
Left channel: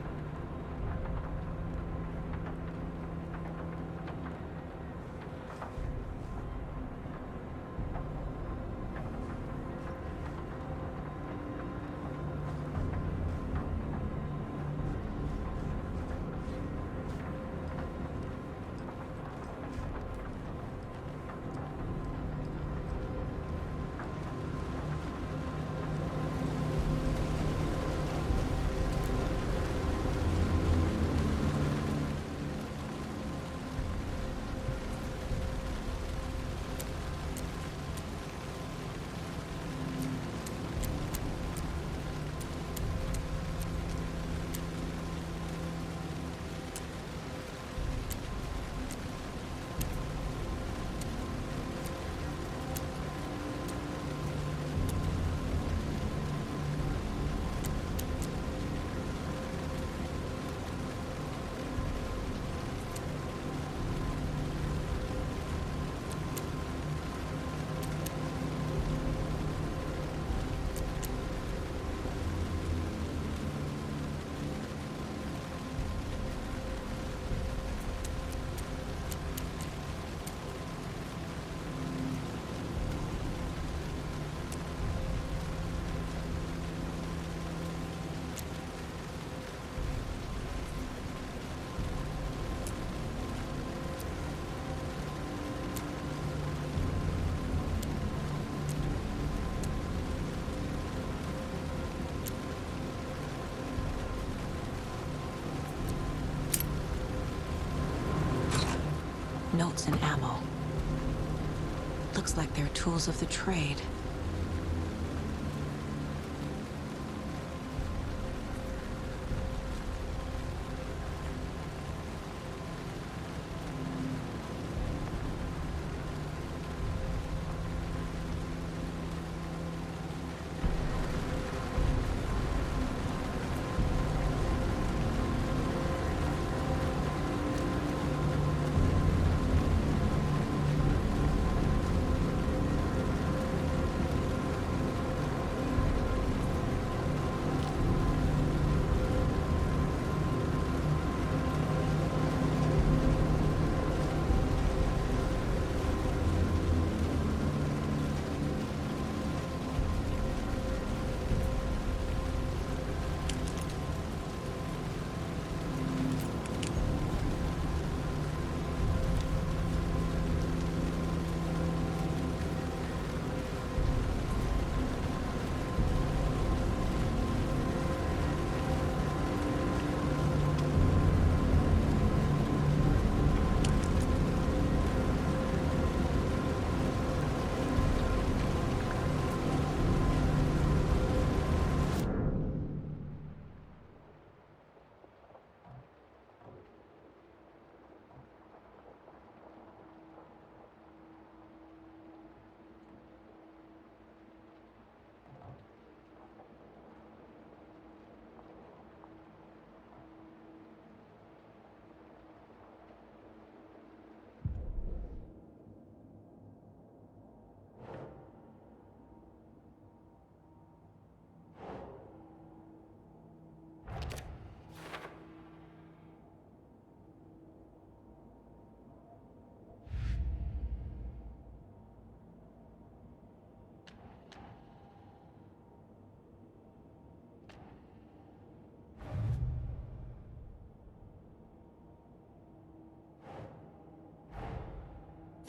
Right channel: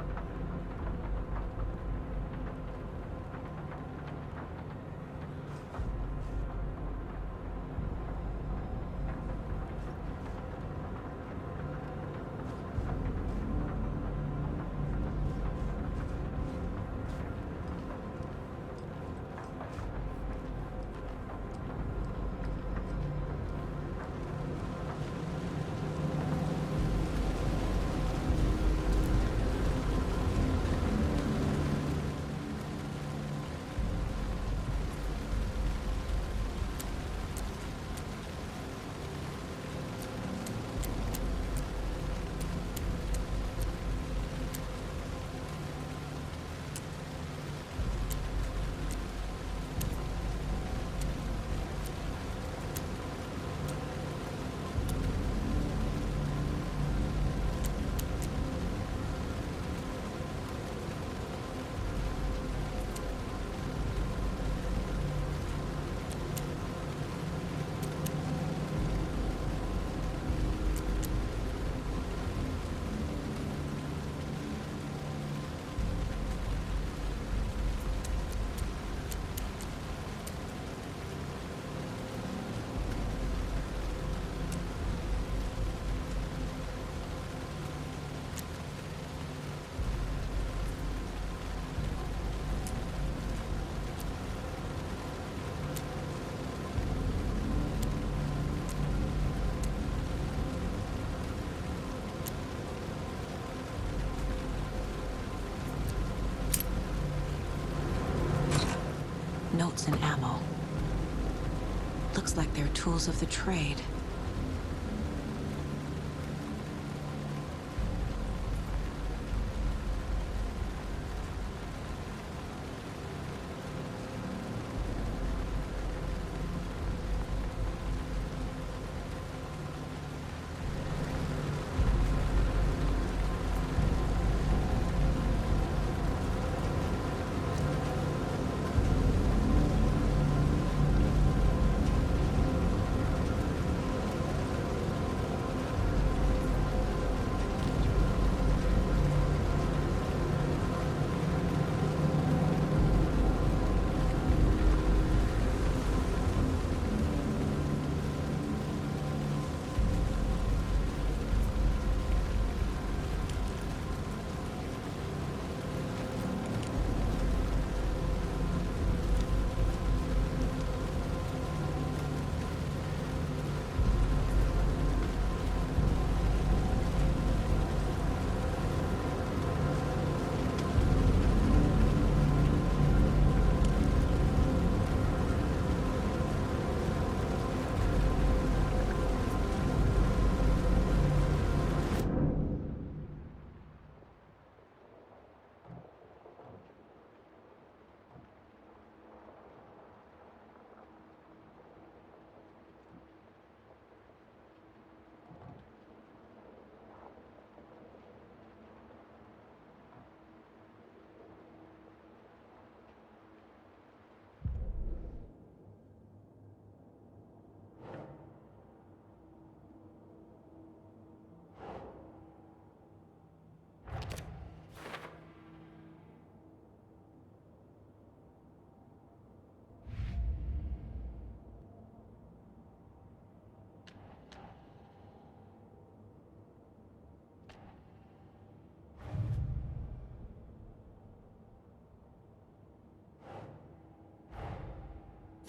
Notes and ammo. Looks like they're tools of the trade.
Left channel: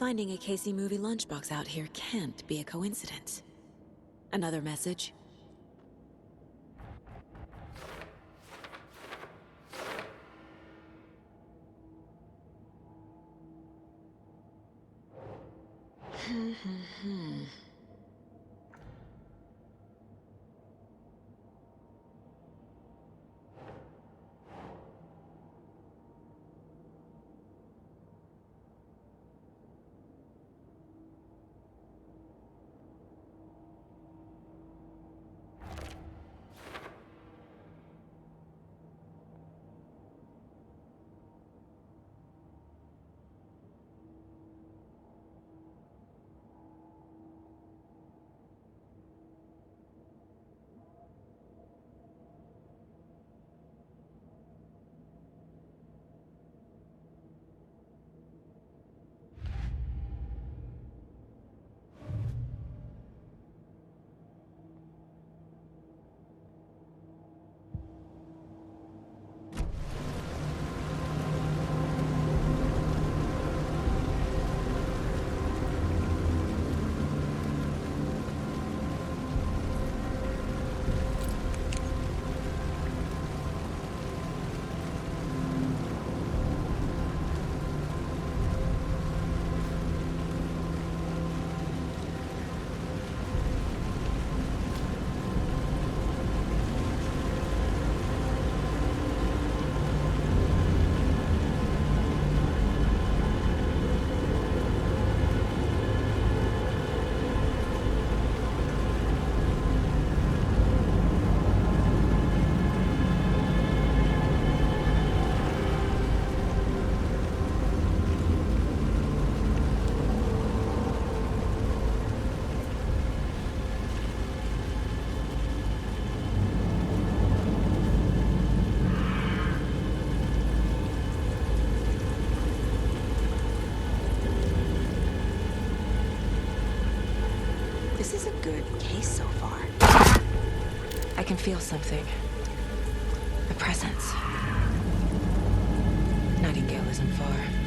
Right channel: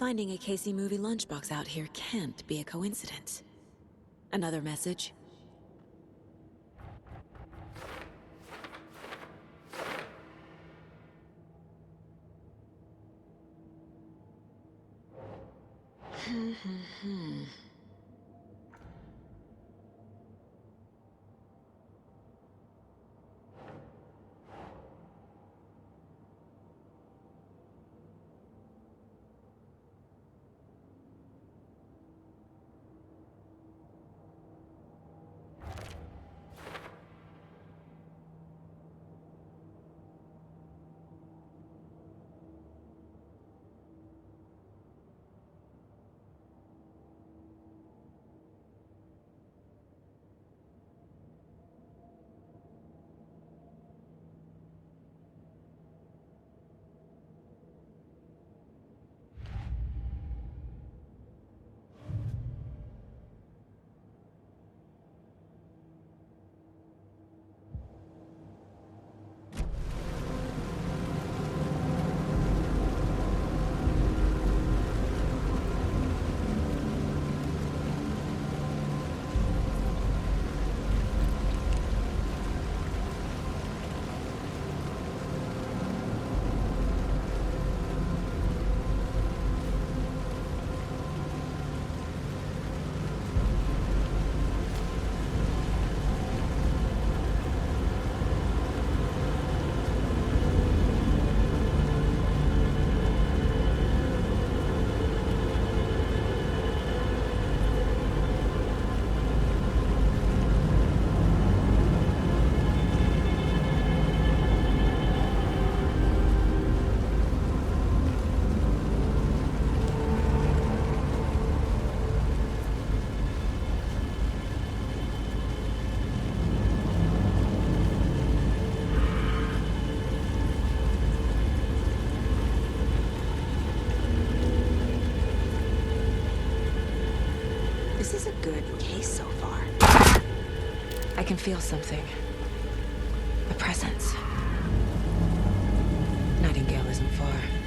Finding a Casey movie lunchbox out here can't be a coincidence. Another message? This is a good case so far. I can feel something. A presence. Nightingale isn't far.